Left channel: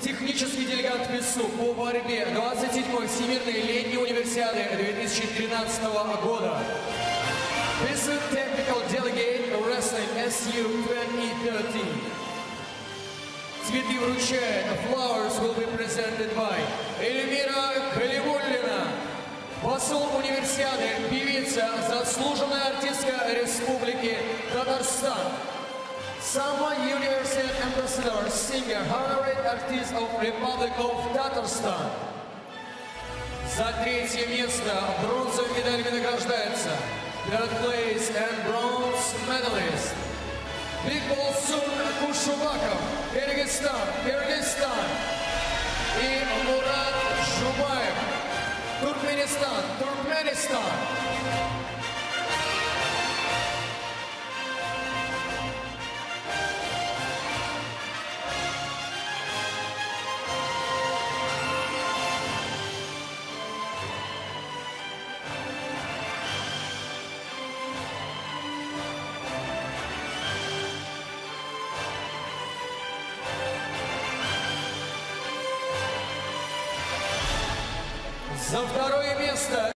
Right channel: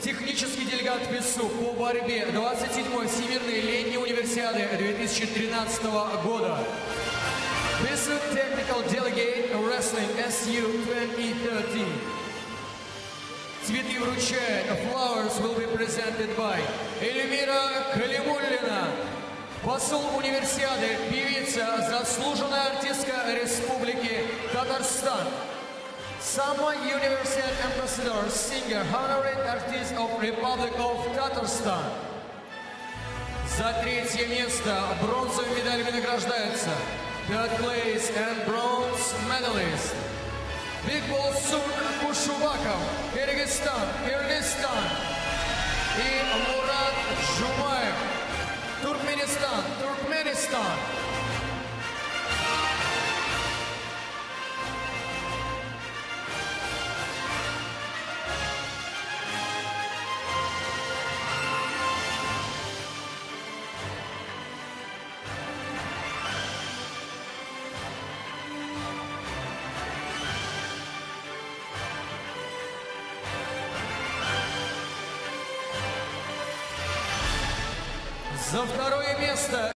Технический делегат ПИСУ по борьбе 27-й Всемирной летней универсиады 2013 года. PISU Technical Delegate Wrestling SU 2013. Цветы вручает. Flowers will be presented by Эльмира Калимуллина, посол универсиады, певица, заслуженная артистка Республики Татарстан. Sama University Ambassador, singer, honorary artist of Republic of Tatarstan. За третье место бронзовыми медалями награждается third place and bronze medalist Бикболсун Кушубаков, Кыргызстан, и Мурат Жумаев, Туркменистан. За второе место